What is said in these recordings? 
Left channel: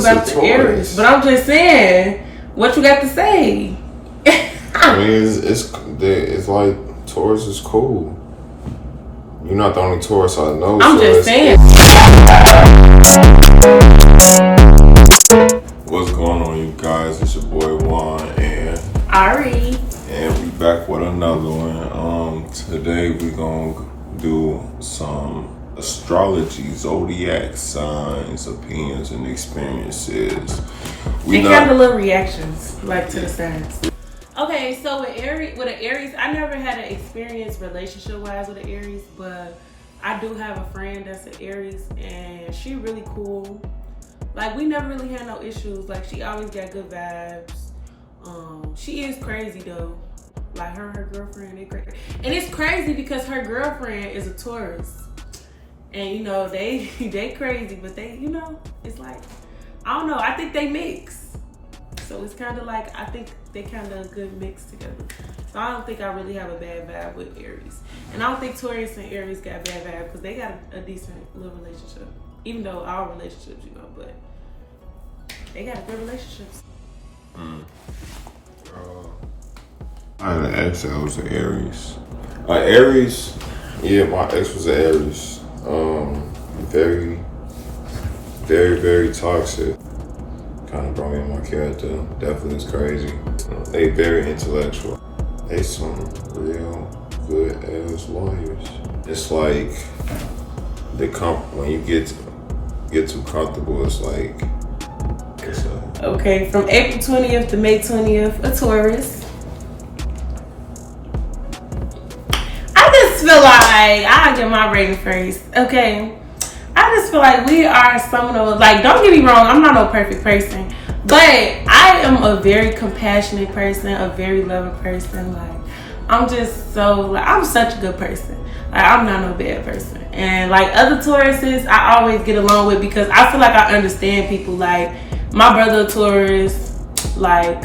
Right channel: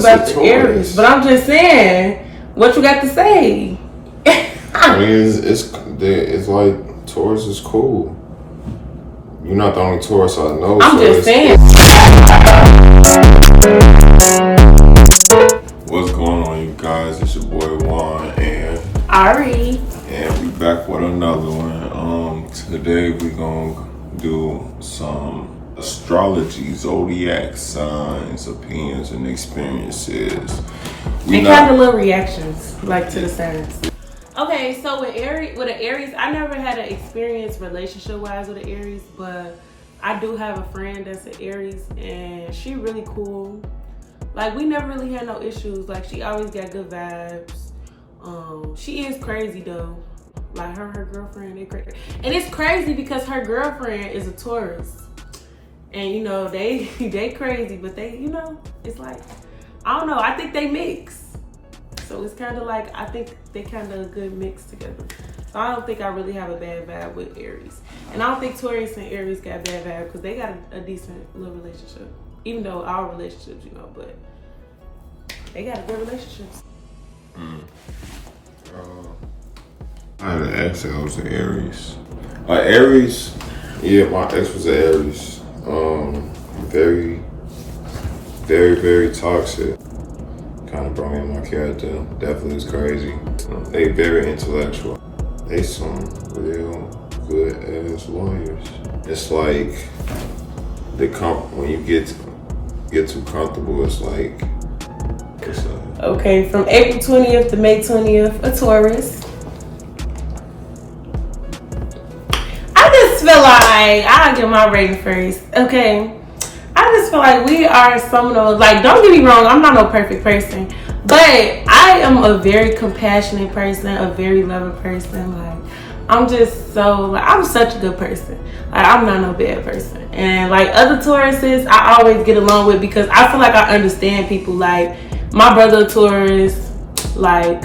about the Aries, but I'm just saying, what you got to say? I mean, it's like Taurus is cool. You're not the only Taurus I know. I'm just saying. What's going on, you guys? It's your boy Juan and Ari, and we back with another one. Today we gonna do some astrology, zodiac signs, opinions, and experiences. We kind of little reactions, like to the signs. Okay, so with an Aries, I never had an experience relationship-wise with an Aries, but I do have a friend that's an Aries, and she really cool. Like, we never really had no issues. Like, she always got good vibes. She is crazy, though. Like, her girlfriend, they crazy. And it's crazy because her girlfriend is a Taurus. And, you know, they crazy, but they, you know, it's like, I don't know. I think they mix. So it's kind of like, I think they kind of a good mix together. So I don't think I really have a bad vibe with Aries. And I don't think Taurus and Aries got a bad vibe because they got a decent little relationship. Even though our relationships, you know, but they got a good relationship. I had an ex that was an Aries. Aries, yeah, my ex was an Aries. Very, very, very toxic. Kind of brought me in my character. Definitely was crazy. They very intellectual. They some real good ass lawyers. It's like when you get too comfortable, it's like okay, from April 20th to May 20th, a Taurus. I just feel like I'll give my rating first. Okay. I just feel like we are some of those, like, don't get me wrong, I'm not no perfect person, but I am a very compassionate person, a very loving person. Like, I'm just so, like, I'm such a good person. Like, I'm not no bad person. And like other Tauruses, I always get along with because I feel like I understand people. Like, my brother Taurus, like,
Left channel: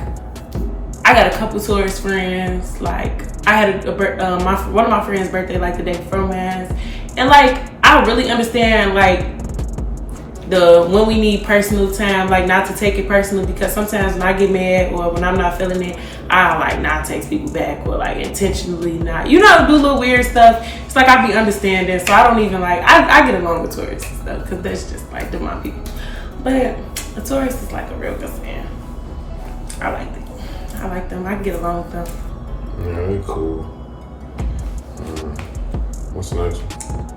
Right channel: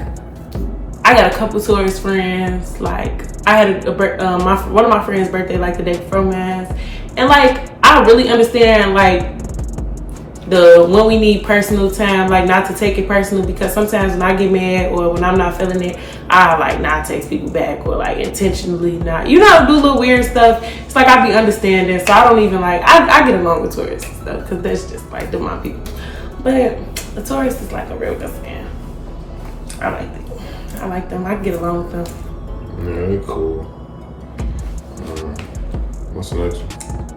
I got a couple Taurus friends. Like, I had one of my friends' birthday like the day before mine. And like, I really understand like when we need personal time, like not to take it personal, because sometimes when I get mad or when I'm not feeling it, I like not text people back or like intentionally not, you know, do little weird stuff. It's like I be understanding, so I don't even like, I get along with Taurus and stuff because that's just like the my people. But a Taurus is like a real good fan. I like them. I can get along with them. Yeah, they're cool. What's the next one?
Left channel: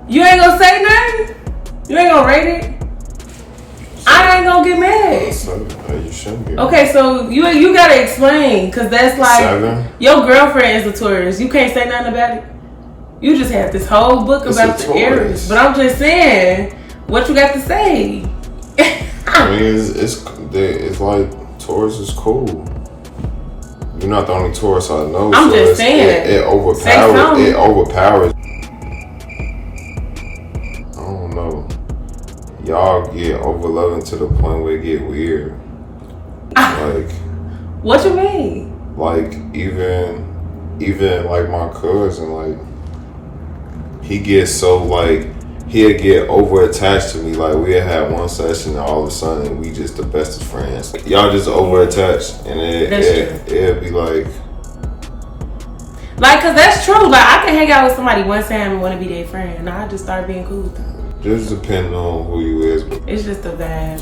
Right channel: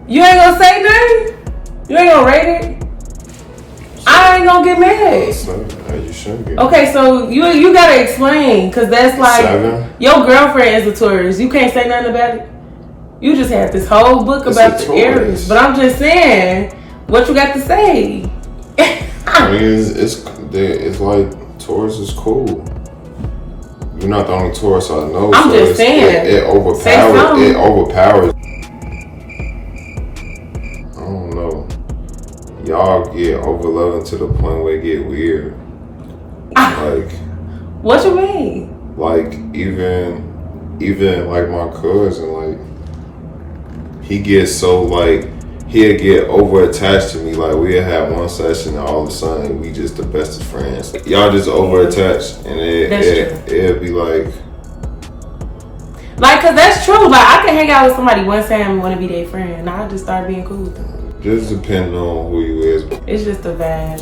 You ain't gonna say nothing? You ain't gonna rate it? I ain't gonna get mad. You shouldn't be. Okay, so you gotta explain, cause that's like 7. Your girlfriend is a Taurus. You can't say nothing about it. You just had this whole book about the Aries, but I'm just saying, what you got to say? I mean, it's like Taurus is cool. You're not the only Taurus I know. I'm just saying. It overpowers. Y'all get overloving to the point where it get weird. Like, what you mean? Like, even like my cousin, like, he gets so like, he'll get over attached to me. Like, we'll have one session and all of a sudden we just the bestest friends. Y'all just over attached, and it'll be like, cause that's true. Like, I can hang out with somebody one time and want to be their friend, and I just start being cool with them. Just depending on who you is. It's just a vibe.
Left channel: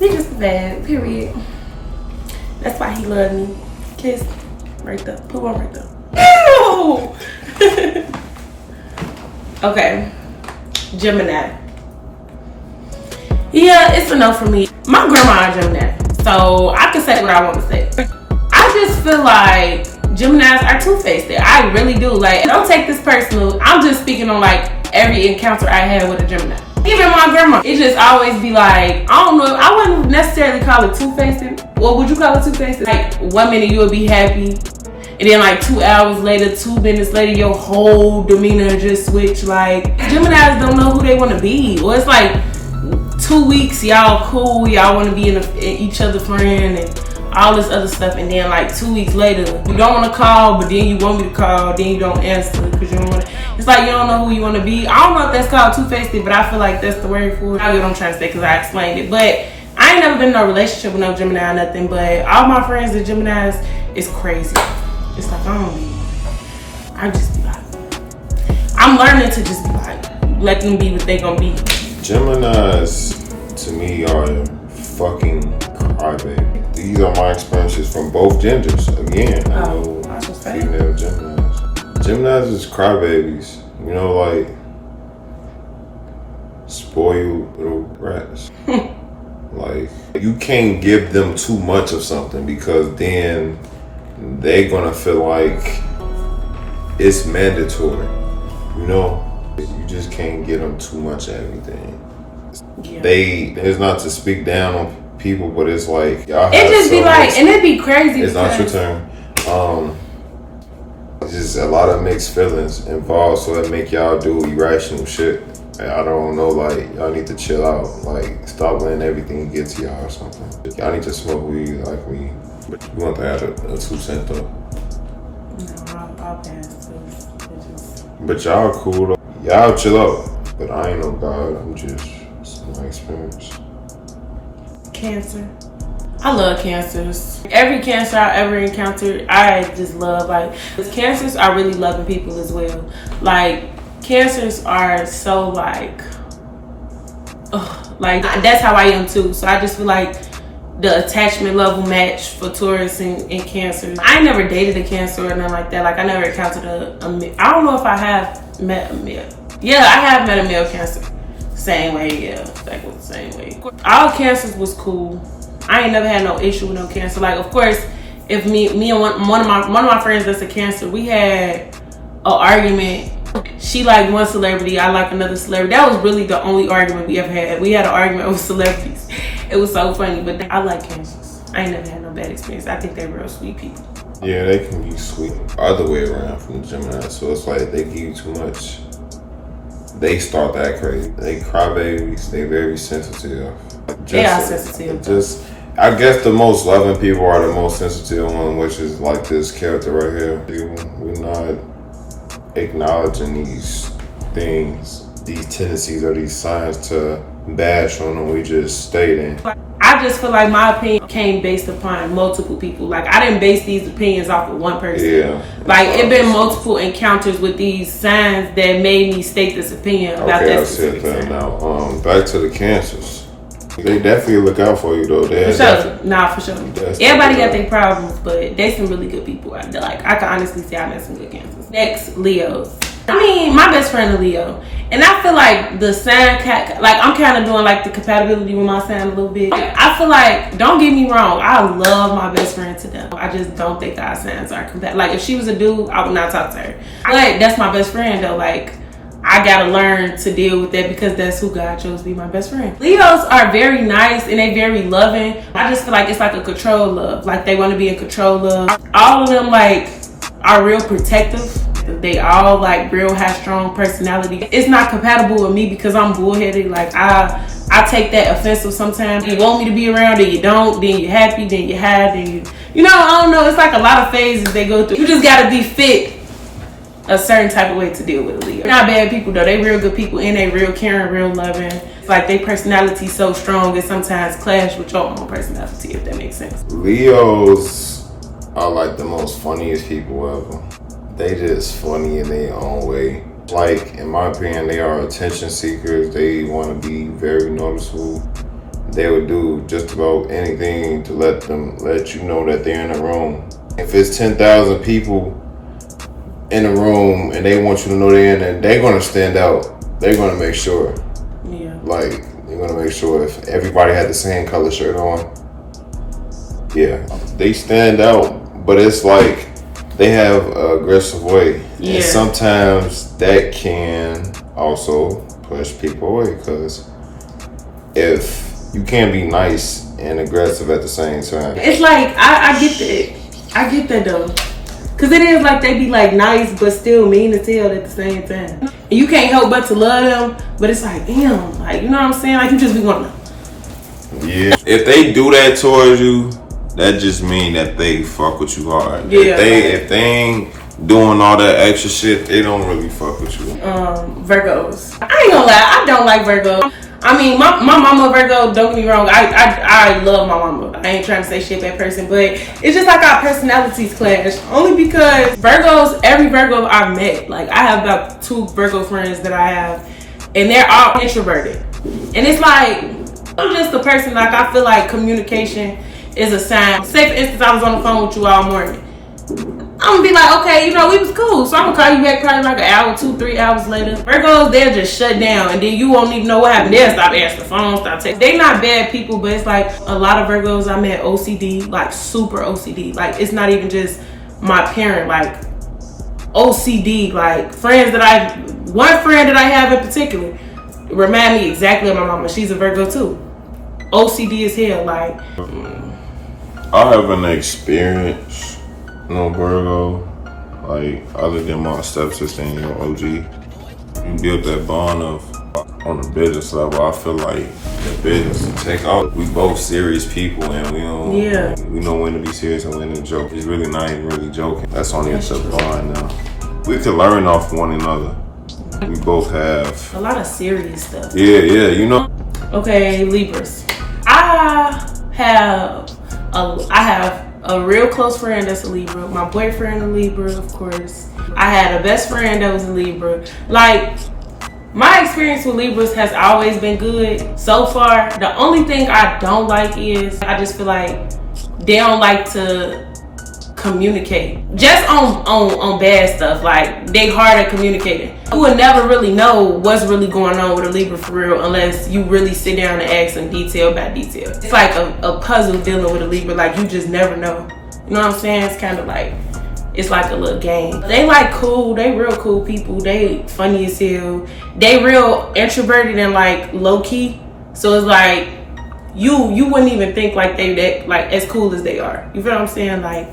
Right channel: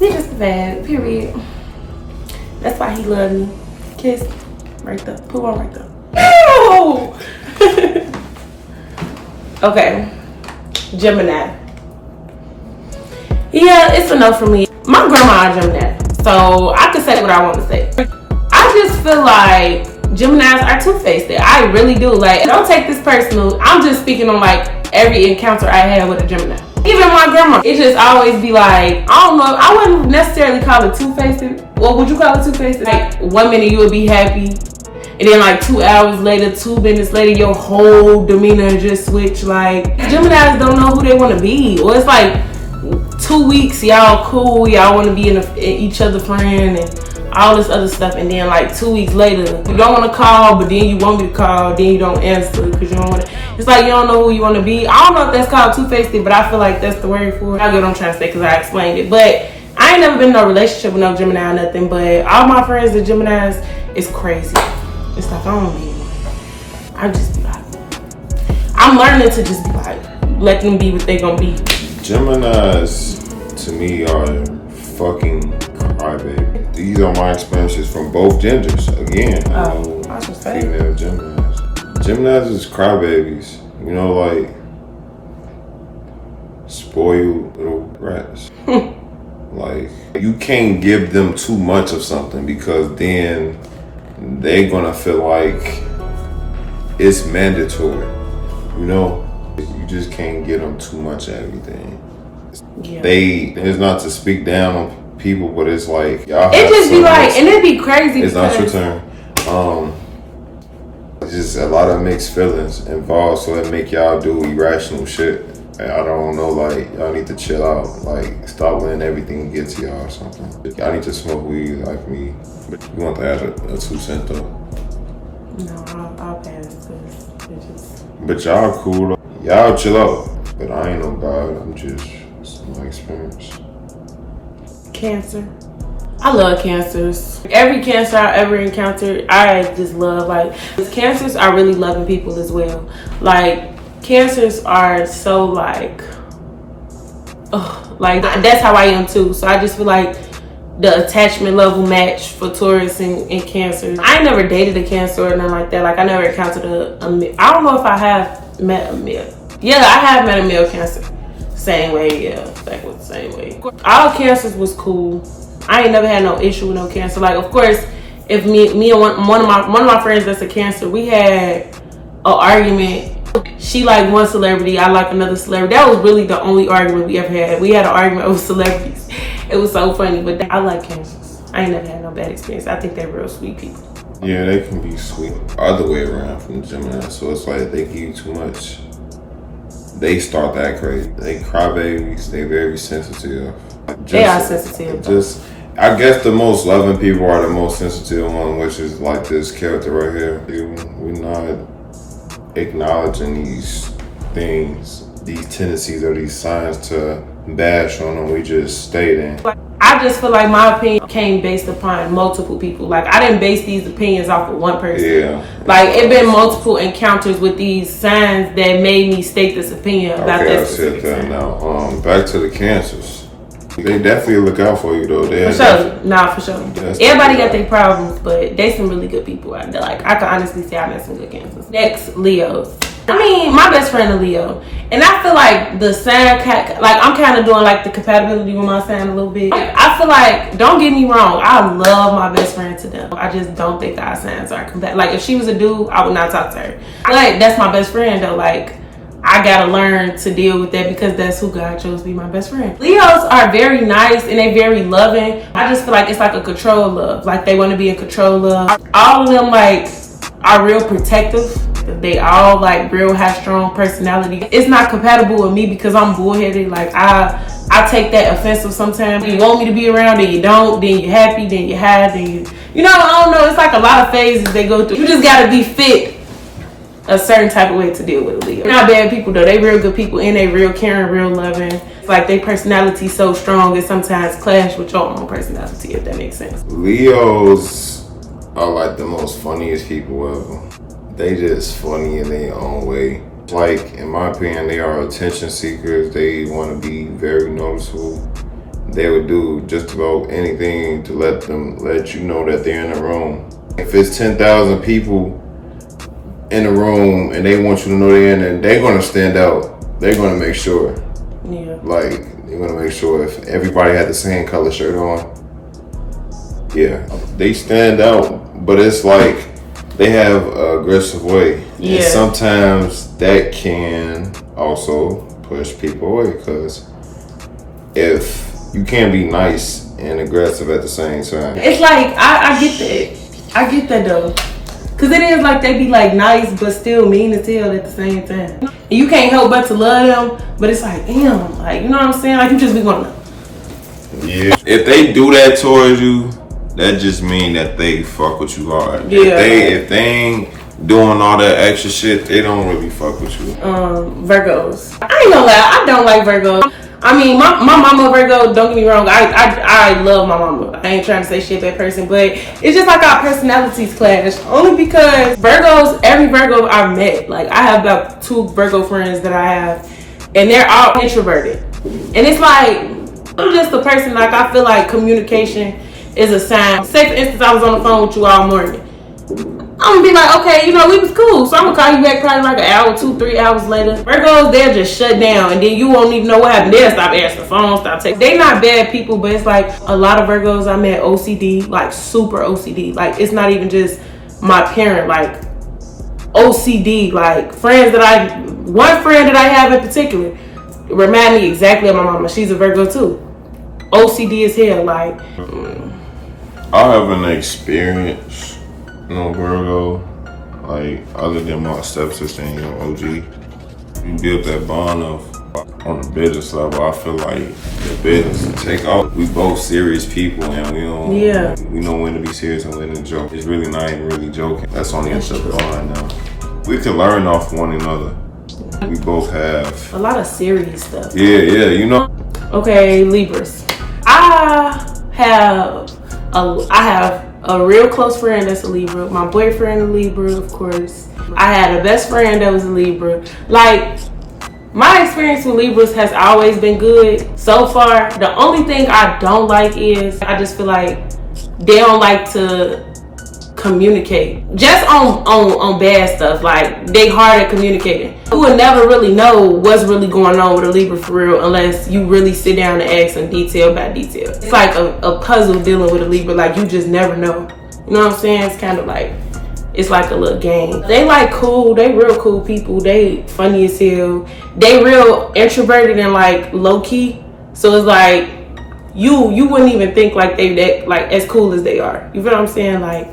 It's just a vibe, period. That's why he loved me. Kiss. Right there. Put one right there. Ew! Okay. Gemini. Yeah, it's a no for me. My grandma is Gemini, so I can say what I want to say. I just feel like Geminis are two-faced. I really do. Like, don't take this personal. I'm just speaking on like every encounter I had with a Gemini. Even my grandma, it just always be like, I don't know, I wouldn't necessarily call it two-faced. Or would you call it two-faced? Like, 1 minute you would be happy, and then like 2 hours later, 2 minutes later, your whole demeanor just switch. Like, Geminis don't know who they want to be. Or it's like 2 weeks, y'all cool, y'all want to be in each other's friend and all this other stuff, and then like 2 weeks later, you don't want to call, but then you want me to call, then you don't answer because you don't want to. It's like you don't know who you want to be. I don't know if that's called two-faced, but I feel like that's the word for it. I get what I'm trying to say because I explained it. But I ain't never been in no relationship with no Gemini or nothing, but all my friends that Geminis is crazy. It's like, I don't need one. I just be like, I'm learning to just be like, let them be what they gonna be. Geminis, to me, are fucking crybaby. These are my experiences from both genders. Again, female Geminis. Geminis is crybabies. You know, like spoiled little rats. Like, you can't give them too much of something because then they're gonna feel like it's mandatory. You know, you just can't give them too much of everything. Yeah. It's not to speak down on people, but it's like y'all have it just be like, and it be crazy. It's not your turn. Just a lot of mixed feelings involved, so it make y'all do irrational shit. I don't know, like, y'all need to chill out. Like, stop letting everything get to y'all or something. Y'all need to smoke weed like me. But you want to add a 2 cent though? No, I'll pass. But y'all cool though. Y'all chill out. But I ain't no god. I'm just my experience. Cancer. I love cancers. Every cancer I ever encountered, I just love. Like, cancers are really loving people as well. Like, cancers are so like, like that's how I am too. So I just feel like the attachment level match for Taurus and Cancer. I ain't never dated a Cancer or nothing like that. Like, I never encountered I don't know if I have met a male. Yeah, I have met a male Cancer. Same way, yeah. That was the same way. All Cancers was cool. I ain't never had no issue with no Cancer. Like, of course, if me and one of my friends that's a Cancer, we had an argument. She liked one celebrity, I liked another celebrity. That was really the only argument we ever had. We had an argument over celebrities. It was so funny, but I like Cancers. I ain't never had no bad experience. I think they're real sweet people. Yeah, they can be sweet. Other way around from the Gemini, so it's like they give you too much. They start that crazy. They crybabies. They very sensitive. They are sensitive. I guess the most loving people are the most sensitive one, which is like this character right here. We're not acknowledging these things, these tendencies or these signs to bash on them. We just stating. I just feel like my opinion came based upon multiple people. Like, I didn't base these opinions off of one person. Yeah. Like, it been multiple encounters with these signs that made me state this opinion about that. Okay, I said that now. Back to the Cancers. They definitely look out for you though. For sure. Everybody got their problems, but they some really good people out there. Like, I can honestly say I met some good Cancers. Next, Leos. I mean, my best friend is Leo. And I feel like the sign, like, I'm kind of doing like the compatibility with my sign a little bit. I feel like, don't get me wrong, I love my best friend to them. I just don't think our signs are compatible. Like, if she was a dude, I would not talk to her. But that's my best friend though. Like, I gotta learn to deal with that because that's who God chose to be my best friend. Leos are very nice and they very loving. I just feel like it's like a control love. Like, they want to be in control of. All of them, like, are real protective. They all like real high strong personality. It's not compatible with me because I'm bullheaded. Like, I take that offensive sometimes. You want me to be around, then you don't, then you're happy, then you're high, then you know, I don't know. It's like a lot of phases they go through. You just gotta be fit a certain type of way to deal with a Leo. They're not bad people though. They real good people and they real caring, real loving. It's like their personality so strong it sometimes clash with your own personality, if that makes sense. Leos are like the most funniest people ever. They just funny in their own way. Like, in my opinion, they are attention seekers. They want to be very noticeable. They would do just about anything to let you know that they're in the room. If it's 10,000 people in the room and they want you to know they're in there, they're going to stand out. They're going to make sure. Yeah. Like, they're going to make sure if everybody had the same color shirt on. Yeah. They stand out, but it's like, they have an aggressive way. Yeah. And sometimes that can also push people away because if you can't be nice and aggressive at the same time. It's like, I get that. I get that though. Because it is like they be like nice but still mean as hell at the same time. And you can't help but to love them, but it's like, damn, like, you know what I'm saying? Like, you just be going, yeah. If they do that towards you, that just mean that they fuck with you hard. Yeah. If they ain't doing all that extra shit, they don't really fuck with you. Virgos. I ain't gonna lie, I don't like Virgos. I I mean, my mama Virgo, don't get me wrong, I love my mama. I ain't trying to say shit to that person, but it's just like our personalities clash. Only because Virgos, every Virgo I've met, like I have about 2 Virgo friends that I have, and they're all introverted. And it's like, I'm just a person, like I feel like communication is a sign. Say for instance, I was on the phone with you all morning. I'm gonna be like, okay, you know, we was cool, so I'm gonna call you back probably like an hour, 2, 3 hours later. Virgos, they'll just shut down, and then you won't even know what happened. They'll stop answering the phone, stop texting. They not bad people, but it's like a lot of Virgos I met OCD, like super OCD. Like it's not even just my parent, like OCD. Like friends that one friend that I have in particular, remind me exactly of my mama. She's a Virgo too. OCD is here, like. I have an experience. No Virgo, like other than my stepsister and your OG, you build that bond of on the business level. I feel like the business take off. We both serious people, and we know when to be serious and when to joke. It's really not even really joking. That's only a bond now. We can learn off one another. We both have a lot of serious stuff. Yeah, you know. Okay, Libras. I have a real close friend that's a Libra. My boyfriend a Libra, of course. I had a best friend that was a Libra. Like, my experience with Libras has always been good so far. The only thing I don't like is I just feel like they don't like to communicate. Just on bad stuff. Like, they hard at communicating. You would never really know what's really going on with a Libra for real unless you really sit down and ask them detail by detail. It's like a puzzle dealing with a Libra. Like, you just never know. You know what I'm saying? It's kind of like, it's like a little game. They like cool. They real cool people. They funny as hell. They real introverted and like low key. So it's like, you wouldn't even think like they that like as cool as they are. You feel what I'm saying? Like,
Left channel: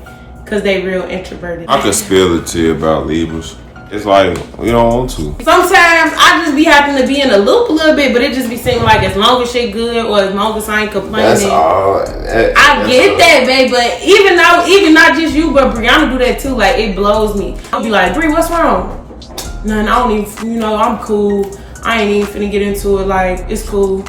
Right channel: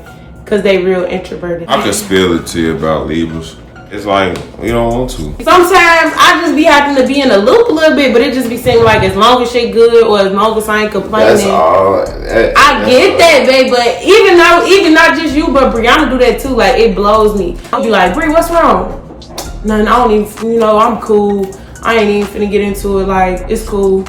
cause they real introverted. I could spill it to you about Libras. It's like, we don't want to. Sometimes I just be having to be in a loop a little bit, but it just be seeming like as long as shit good or as long as I ain't complaining. That's all. I get that, babe, but even not just you, but Brianna do that too. Like, it blows me. I'll be like, Bri, what's wrong? Nothing, I don't even, I'm cool. I ain't even finna get into it. Like, it's cool.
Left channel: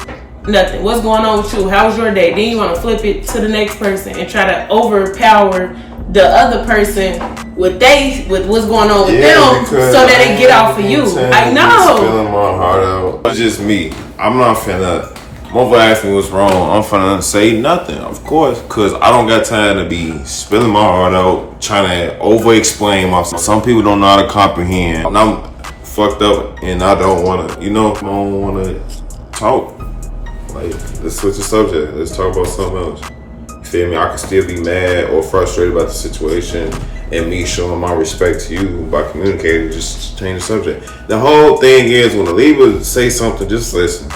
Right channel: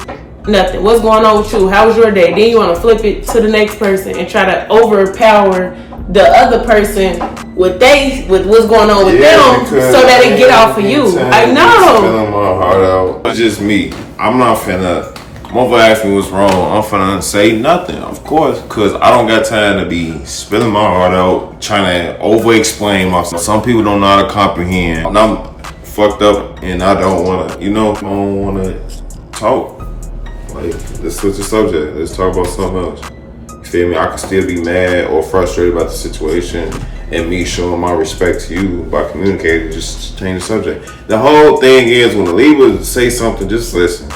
Nothing. What's going on with you? How was your day? Then you want to flip it to the next person and try to overpower the other person with what's going on with them so that they get off of you. I know. Spilling my heart out. It's just me. I'm not finna. Mother asked me what's wrong. I'm finna say nothing, of course, because I don't got time to be spilling my heart out, trying to over-explain myself. Some people don't know how to comprehend. And I'm fucked up, and I don't wanna, I don't wanna talk. Like, let's switch the subject. Let's talk about something else. Feel me? I can still be mad or frustrated about the situation, and me showing my respect to you by communicating, just change the subject. The whole thing is, when the Libra say something, just listen.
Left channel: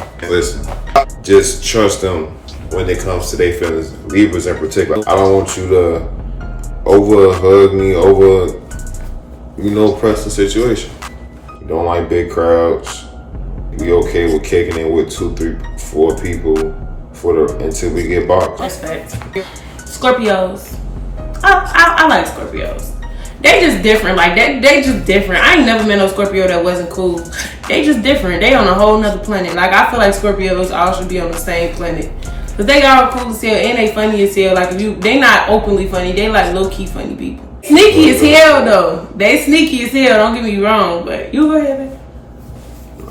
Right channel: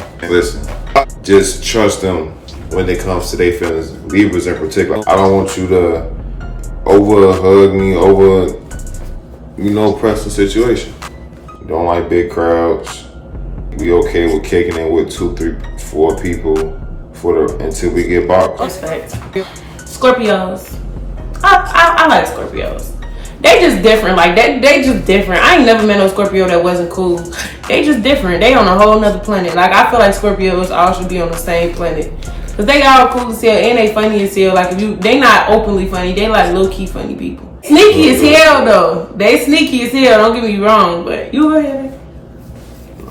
Just trust them when it comes to their feelings. Libras in particular. I don't want you to over hug me, press the situation. You don't like big crowds. We okay with kicking it with 2, 3, 4 people until we get boxed. Respect. Scorpios. I like Scorpios. They just different. Like, they just different. I ain't never met no Scorpio that wasn't cool. They just different. They on a whole nother planet. Like, I feel like Scorpios all should be on the same planet. Cause they all cool as hell and they funny as hell. Like, they not openly funny. They like low key funny people. Sneaky as hell though. They sneaky as hell. Don't get me wrong. But you go ahead, baby.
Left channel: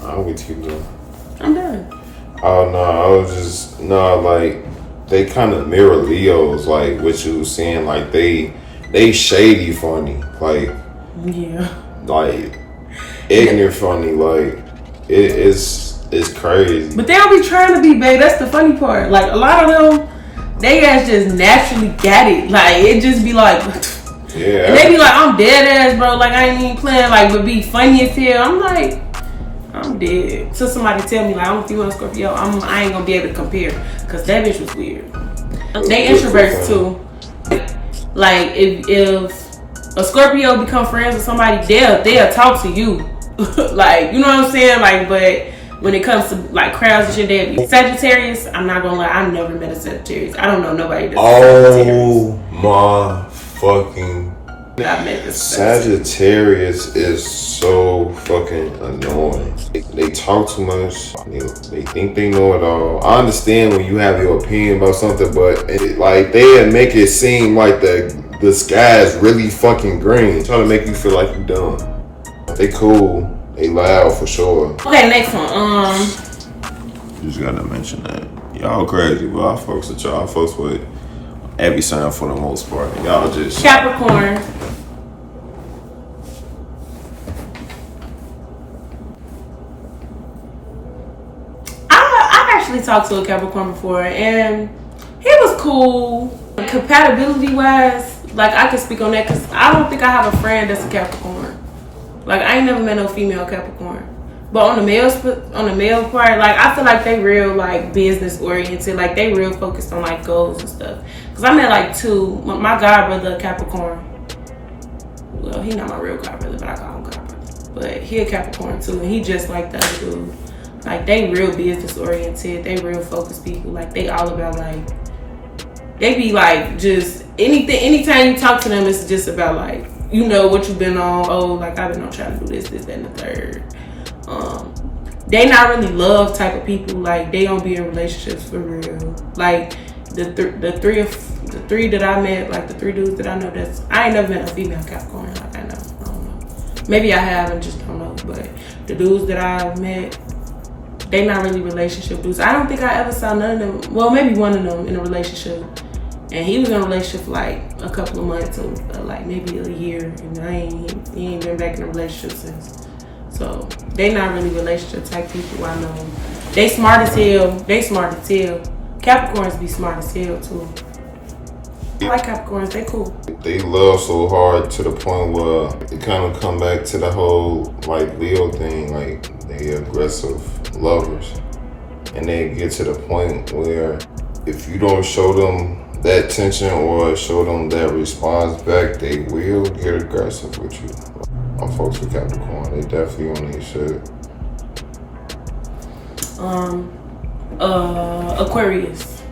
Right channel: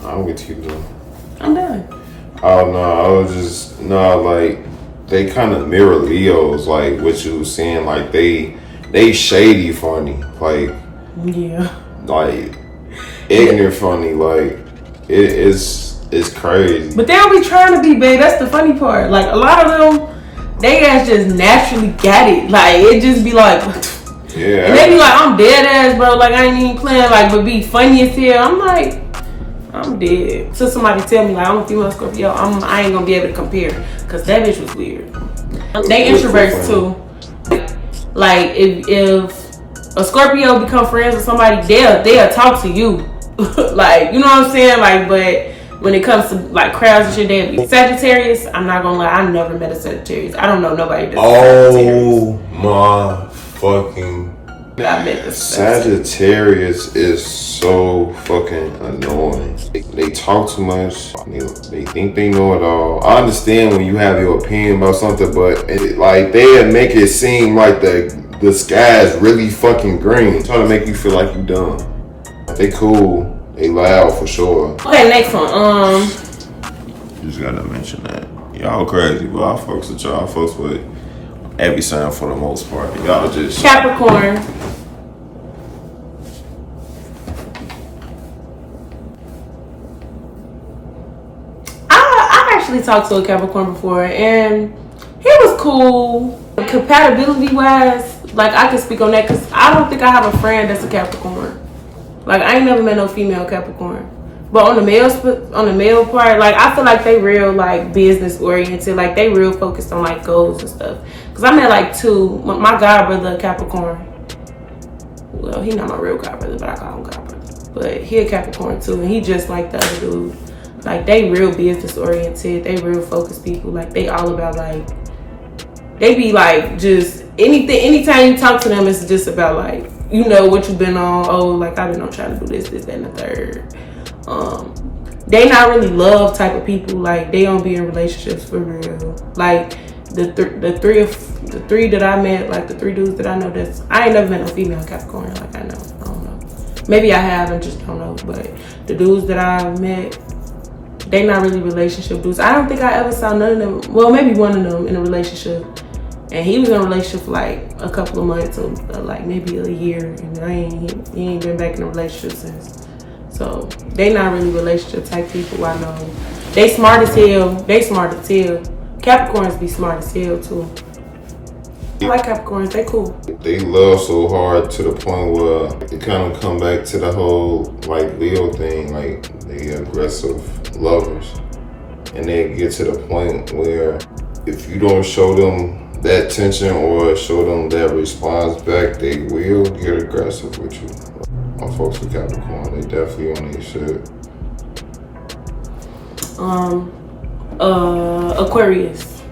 I'm with you though. I'm done. Oh no, I was just like they kind of mirror Leos, like what you was saying, like they shady funny, like like ignorant funny, like it's crazy. But they don't be trying to be, babe. That's the funny part. Like, a lot of them, they guys just naturally got it. Like, it just be like, yeah. And they be like, I'm dead ass, bro. Like, I ain't even playing. Like, but be funny as hell. I'm like, I'm dead. So somebody tell me, like, I'm a female Scorpio, I ain't gonna be able to compare. Because that bitch was weird. They introverts too. Like, if a Scorpio become friends with somebody, they'll talk to you. Like, you know what I'm saying? Like, but when it comes to like crowds and shit, they be Sagittarius. I'm not gonna lie, I never met a Sagittarius. I don't know nobody that's Oh my fucking Sagittarius is so fucking annoying. They talk too much. They think they know it all. I understand when you have your opinion about something, but they make it seem like the sky is really fucking green. Trying to make you feel like you dumb. They cool. They loud for sure. Okay, next one. You just gotta mention that. Y'all crazy, but I fucks with y'all. I fucks with every sign for the most part. Y'all just Capricorn. I've actually talked to a Capricorn before, and he was cool. Compatibility wise, like I can speak on that because I don't think I have a friend that's a Capricorn. Like I ain't never met no female Capricorn. But on the male part, like I feel like they real like business oriented, like they real focused on like goals and stuff. Cause I met like two. My god brother Capricorn. Well, he not my real god brother, but I call him god brother. But he a Capricorn too, and he just like the other dude. Like they real business oriented, they real focused people. Like they all about like they be like just anything. Anytime you talk to them, it's just about like you know what you've been on. Oh, like I've been on trying to do this, that, and the third. They not really love type of people. Like they don't be in relationships for real. Like the three that I met, like the three dudes that I know, I ain't never met a female Capricorn. Like I don't know. Maybe I have, I just don't know. But the dudes that I've met, they not really relationship dudes. I don't think I ever saw none of them. Well, maybe one of them in a relationship, and he was in a relationship for like a couple of months or like maybe a year, and he ain't been back in a relationship since. So they not really relationship type people. I know they smart as hell. Capricorns be smart as hell too. I like Capricorns. They cool. They love so hard to the point where it kind of come back to the whole like Leo thing. Like they aggressive lovers, and they get to the point where if you don't show them that attention or show them that response back, they will get aggressive with you. I'm folks with Capricorn. They definitely on their shit. Aquarius.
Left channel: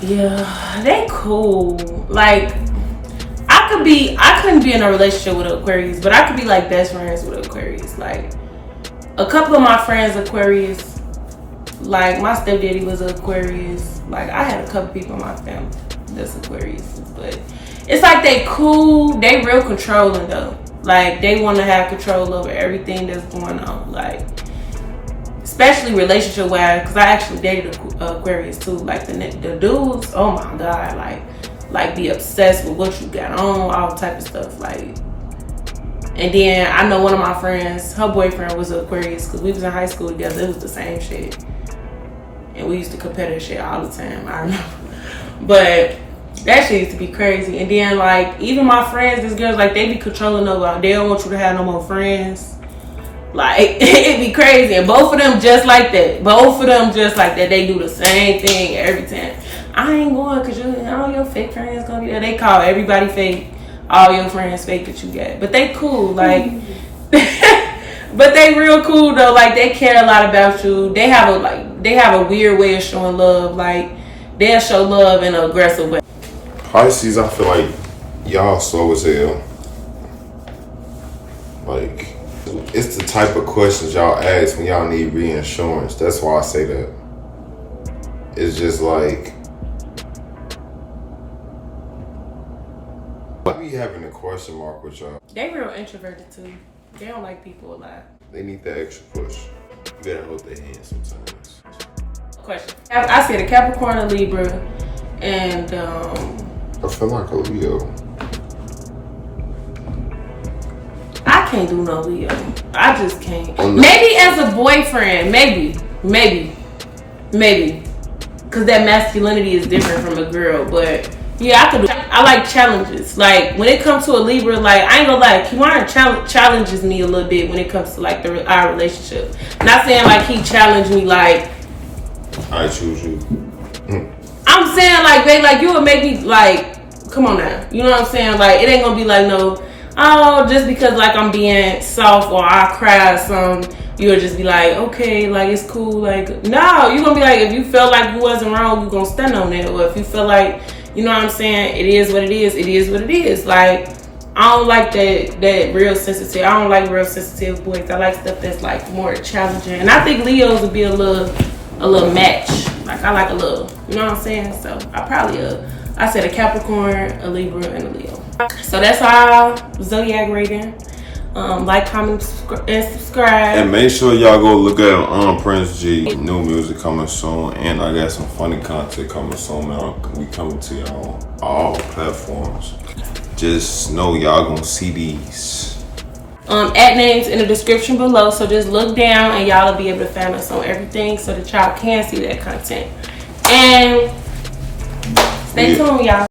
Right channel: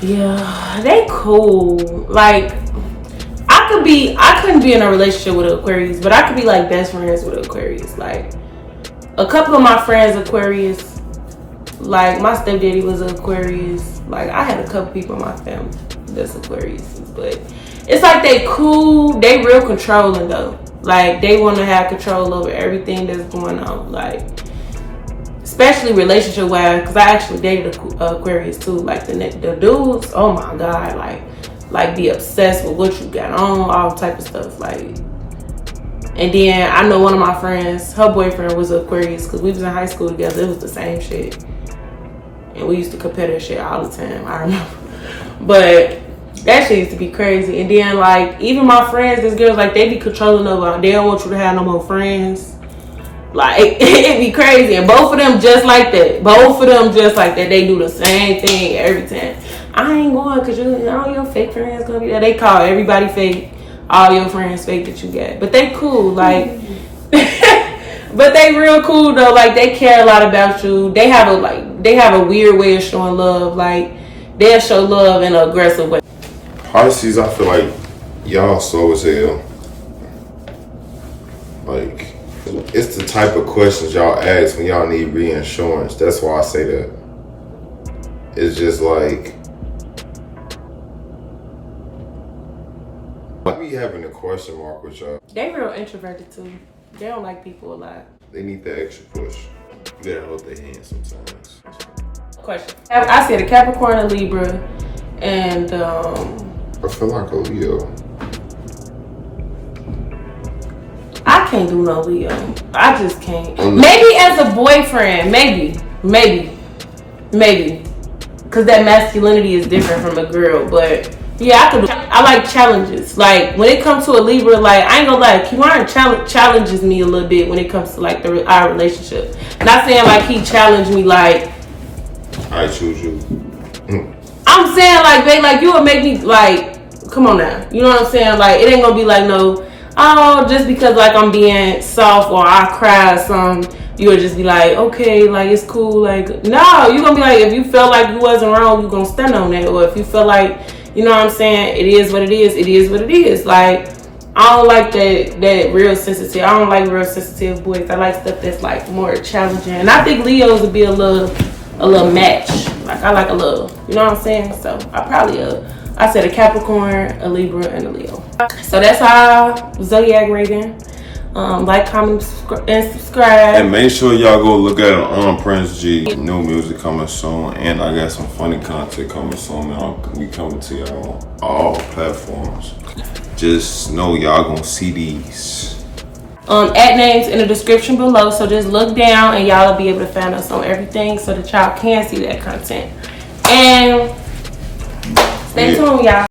Yeah, they cool. Like I couldn't be in a relationship with an Aquarius, but I could be like best friends with an Aquarius. Like a couple of my friends Aquarius, like my stepdaddy was an Aquarius. Like I had a couple people in my family that's Aquarius, but it's like they cool, they real controlling though. Like they want to have control over everything that's going on. Like especially relationship wise, because I actually dated Aquarius too. Like the dudes, oh my god, like be obsessed with what you got on, all type of stuff. Like, and then I know one of my friends, her boyfriend was an Aquarius because we was in high school together. It was the same shit, and we used to compare that shit all the time. I remember, but that shit used to be crazy. And then like even my friends, these girls, like they be controlling over. They don't want you to have no more friends. Like it'd be crazy. And both of them just like that. They do the same thing every time. I ain't going because all your fake friends gonna be there. They call everybody fake. All your friends fake that you got. But they cool. Like but they real cool though. Like they care a lot about you. They have a weird way of showing love. Like they'll show love in an aggressive way. Pisces, I feel like y'all slow as hell. Like, it's the type of questions y'all ask when y'all need reinsurance. That's why I say that. It's just like, I be having a question mark with y'all. They real introverted too. They don't like people a lot. They need that extra push. You gotta hold their hand sometimes. Question. I said a Capricorn, a Libra, and I feel like a Leo. I can't do no Leo. I just can't. Maybe as a boyfriend, maybe. Cause that masculinity is different from a girl, but yeah, I like challenges. Like when it comes to a Libra, like I ain't gonna lie, Kiwan challenges me a little bit when it comes to like our relationship. Not saying like he challenged me like I choose you. I'm saying like, babe, like you would make me like, come on now. You know what I'm saying? Like it ain't gonna be like no, oh, just because like I'm being soft or I cry or something, you'll just be like, okay, like it's cool. Like no, you're gonna be like, if you felt like you wasn't wrong, you're gonna stand on that. Or if you feel like you know what I'm saying? It is what it is. It is what it is. Like, I don't like that real sensitive. I don't like real sensitive boys. I like stuff that's like more challenging. And I think Leos would be a little match. Like, I like a little, you know what I'm saying? So I said a Capricorn, a Libra, and a Leo. So that's our zodiac rating. Like, comment, and subscribe. And make sure y'all go look at Prince G. New music coming soon, and I got some funny content coming soon, man. We coming to y'all on all platforms. Just know y'all gonna see these. At names in the description below, so just look down and y'all will be able to find us on everything so that y'all can see that content. And stay tuned, y'all.